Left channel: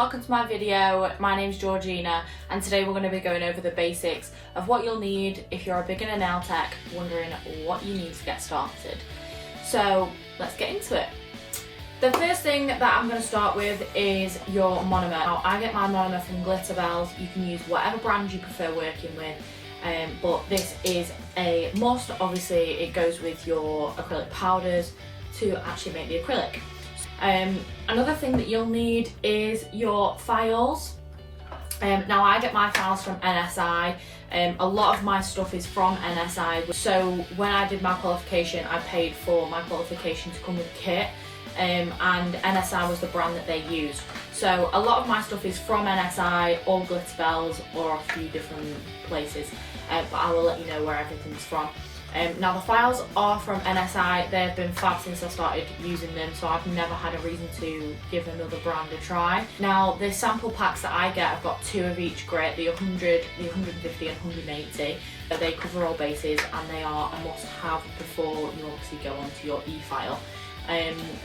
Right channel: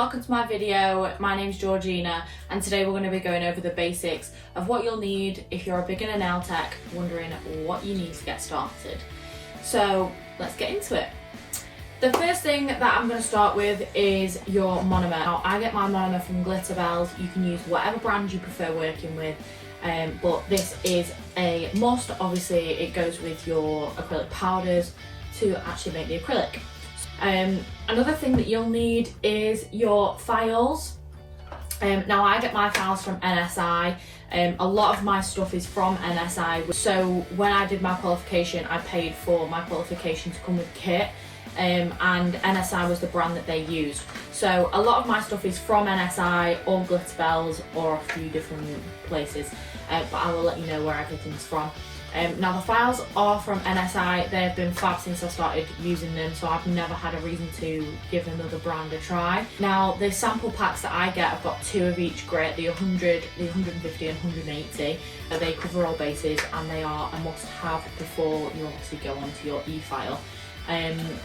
welcome to my video. My name's Georgina and today we're going to be going over the basics of what you'll need if you're a beginner nail tech wondering what you need to get started. So let's get into it. The first thing that I'm going to start with is your monomer. Now I get my monomer from Glitter Bells. You can use whatever brand you prefer working with, but this is a must. Obviously it goes with your acrylic powders to actually make the acrylic. Another thing that you'll need is your files. Now I get my files from NSI. A lot of my stuff is from NSI, so when I did my qualification I paid for my qualification to come with kit, and NSI was the brand that they used. So a lot of my stuff is from NSI or Glitter Bells or a few different places, but I will let you know where everything's from. Now the files are from NSI. They've been fab since I started using them, so I've never had a reason to give another brand a try. Now the sample packs that I get, I've got 2 of each grit, the 100, the 150 and 180. They cover all bases and they are a must-have before you obviously go onto your e-file.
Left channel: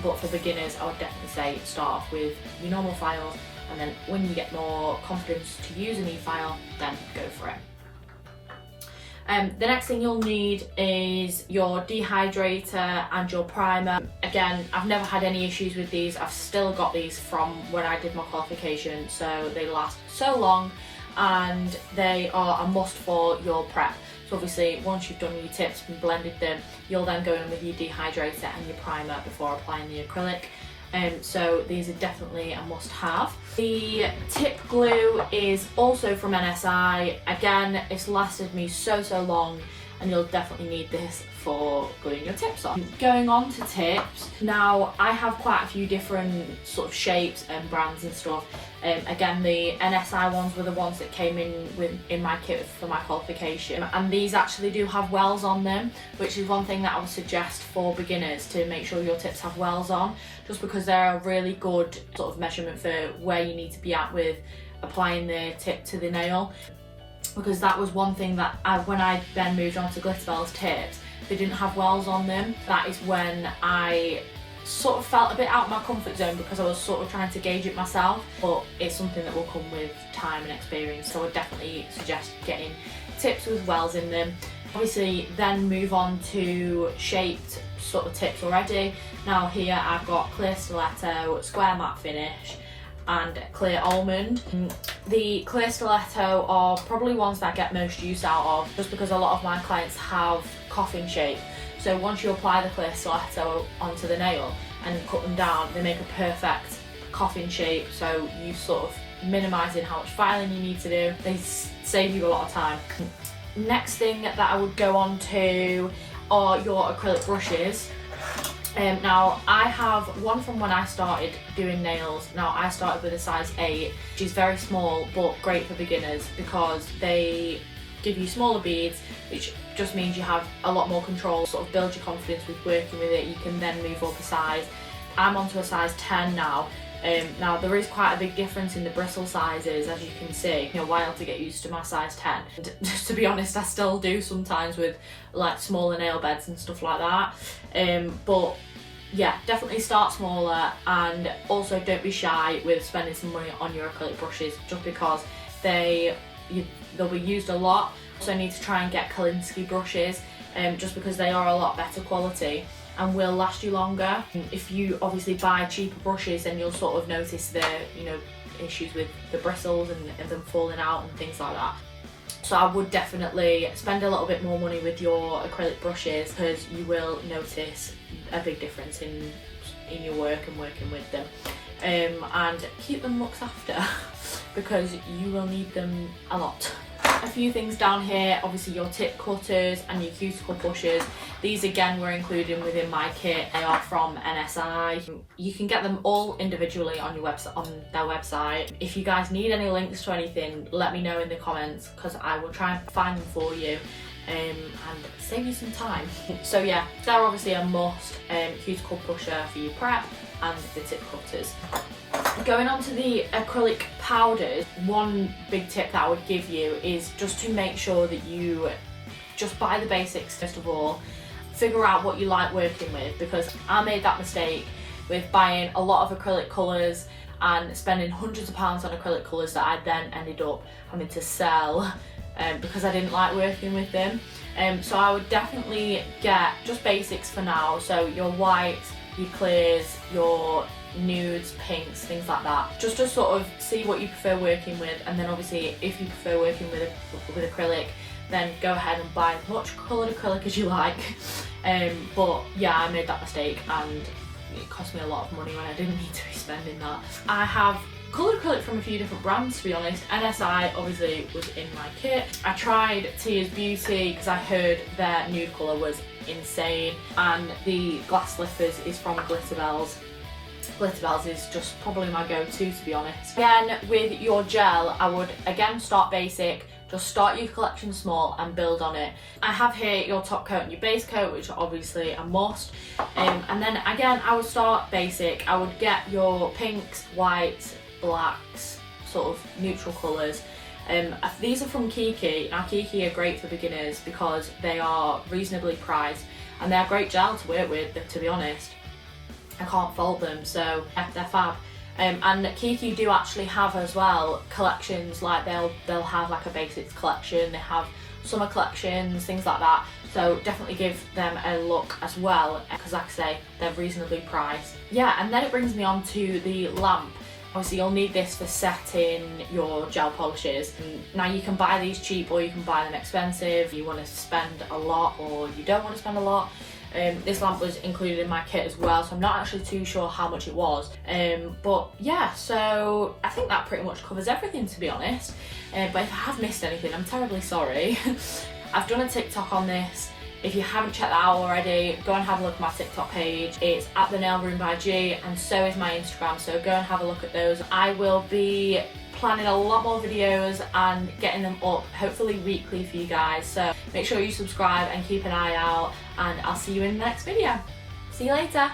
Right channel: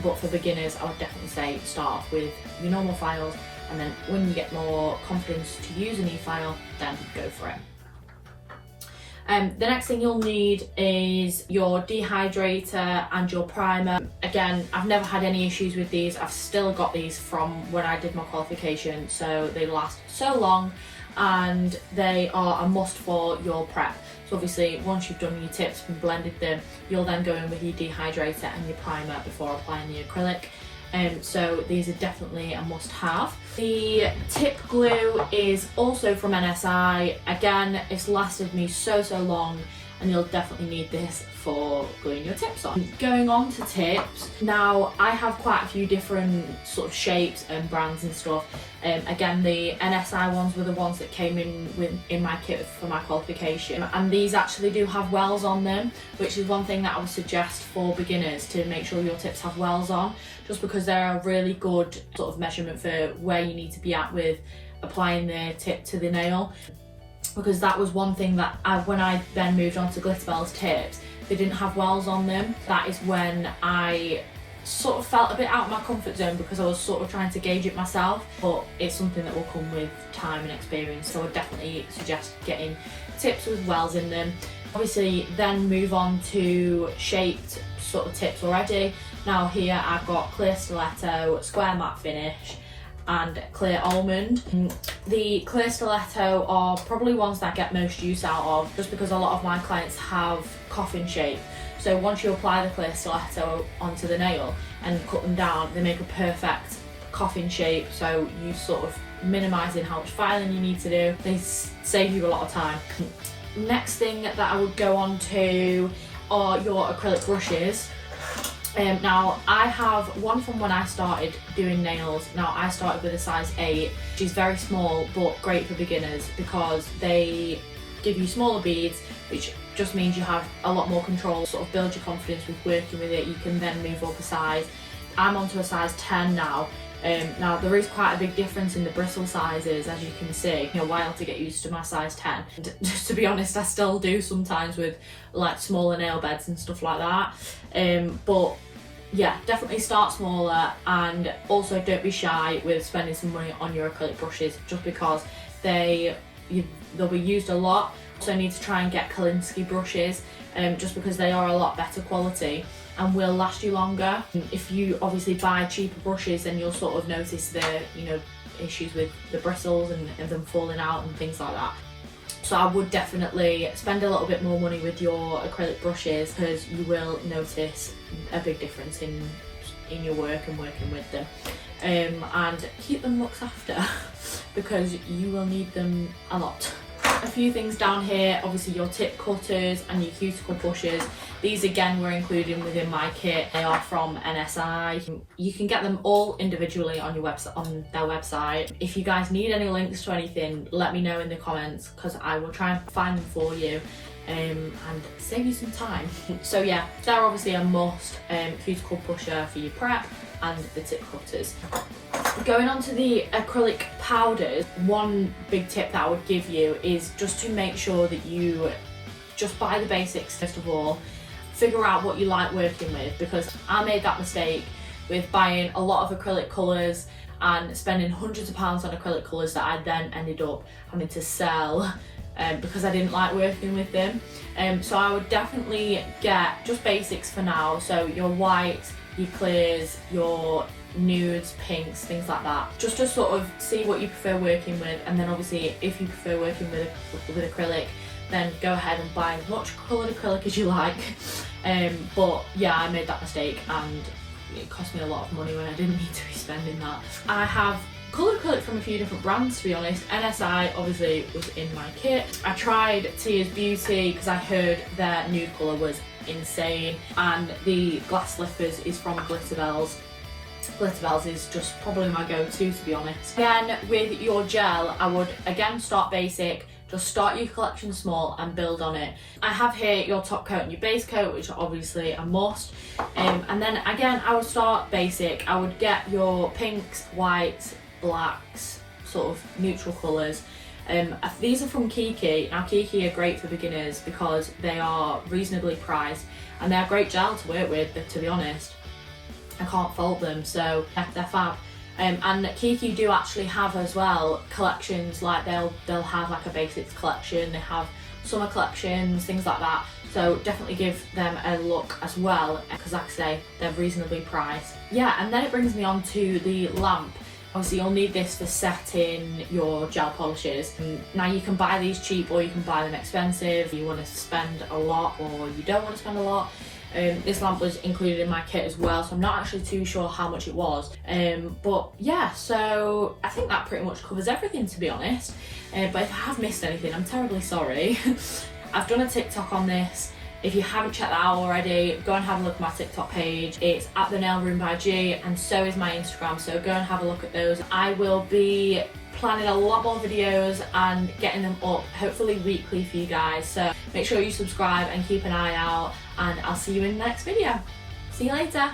But for beginners I would definitely say start off with your normal files, and then when you get more confidence to use an e-file, then go for it. The next thing you'll need is your Dehydrator and your primer. Again, I've never had any issues with these. I've still got these from when I did my qualification, so they last so long and they are a must for your prep. So obviously once you've done your tips and blended them, you'll then go in with your Dehydrator and your primer before applying the acrylic. So these are definitely a must-have. The tip glue is also from NSI. Again, it's lasted me so long, and you'll definitely need this for gluing your tips on. Going on to tips, now I have quite a few different sort of shapes and brands and stuff. Again, the NSI ones were the ones that came in my kit for my qualification, and these actually do have wells on them, which is one thing that I would suggest for beginners, to make sure your tips have wells on, just because they're a really good sort of measurement for where you need to be at with applying the tip to the nail. Because that was one thing that when I then moved on to Glitter Bells tips, they didn't have wells on them. That is when I sort of felt a bit out of my comfort zone, because I was sort of trying to gauge it myself, but it's something that will come with time and experience, so I would definitely suggest getting tips with wells in them. Obviously then move on to shaped sort of tips already. Now here I've got clear stiletto, square matte finish and clear almond. The clear stiletto are probably ones that I get most use out of, just because a lot of my clients have coffin shape. So once you apply the clear stiletto onto the nail and cut them down, they make a perfect coffin shape, so you sort of minimising how much filing you need to do. They save you a lot of time. Next thing that I would go on to are your acrylic brushes. Now I have one from when I started doing nails. Now I started with a size 8, which is very small but great for beginners because they give you smaller beads, which just means you have a lot more control, sort of build your confidence with working with it. You can then move up a size. I'm onto a size 10 now. Now there is quite a big difference in the bristle sizes, as you can see. It took me a while to get used to my size 10. And just to be honest, I still do sometimes with like smaller nail beds and stuff like that. But yeah, definitely start smaller, and also don't be shy with spending some money on your acrylic brushes, just because they'll be used a lot. So I need to try and get Kolinsky brushes, just because they are a lot better quality and will last you longer. If you obviously buy cheaper brushes, then you'll sort of notice the issues with the bristles and them falling out and things like that. So I would definitely spend a little bit more money with your acrylic brushes, because you will notice a big difference in your work and working with them. And keep them looked after because you will need them a lot. A few things down here, obviously your tip cutters and your cuticle pushers. These again were included within my kit. They are from NSI. You can get them all individually on their website. If you guys need any links to anything, let me know in the comments, because I will try and find them for you and save you some time. So yeah, they're obviously a must. Cuticle pusher for your prep and the tip cutters. Going on to the acrylic powders, one big tip that I would give you is just to make sure that you just buy the basics first of all. Figure out what you like working with, because I made that mistake with buying a lot of acrylic colours and spending hundreds of pounds on acrylic colours that I then ended up having to sell because I didn't like working with them. So I would definitely get just basics for now, so your whites, your clears, your nudes, pinks, things like that, just to sort of see what you prefer working with. And then obviously if you prefer working with acrylic, then go ahead and buy as much coloured acrylic as you like. But yeah, I made that mistake and it cost me a lot of money when I didn't need to be spending that. I have coloured acrylic from a few different brands, to be honest. NSI obviously was in my kit. I tried Tears Beauty because I heard their nude colour was insane, and the glass slippers is from Glitterbels. Glitterbels is just probably my go-to, to be honest. Then with your gel, I would again start basic. Just start your collection small and build on it. I have here your top coat and your base coat, which are obviously a must. And then again, I would start basic. I would get your pinks, whites, blacks, sort of neutral colours. These are from Kiki. Now Kiki are great for beginners because they are reasonably priced and they're great gel to work with, to be honest. I can't fault them, so yeah, they're fab. And Kiki do actually have as well collections, like they'll have like a basics collection, they have summer collections, things like that. So definitely give them a look as well, because like I say, they're reasonably priced. Yeah, and then it brings me on to the lamp. Obviously you'll need this for setting your gel polishes. And now you can buy these cheap or you can buy them expensive. If you want to spend a lot or you don't want to spend a lot. This lamp was included in my kit as well, so I'm not actually too sure how much it was. But yeah, so I think that pretty much covers everything, to be honest. But if I have missed anything, I'm terribly sorry. I've done a TikTok on this. If you haven't checked that out already, go and have a look at my TikTok page. It's at the Nail Room by G, and so is my Instagram, so go and have a look at those. I will be planning a lot more videos and getting them up hopefully weekly for you guys, so make sure you subscribe and keep an eye out, and I'll see you in the next video. See you later.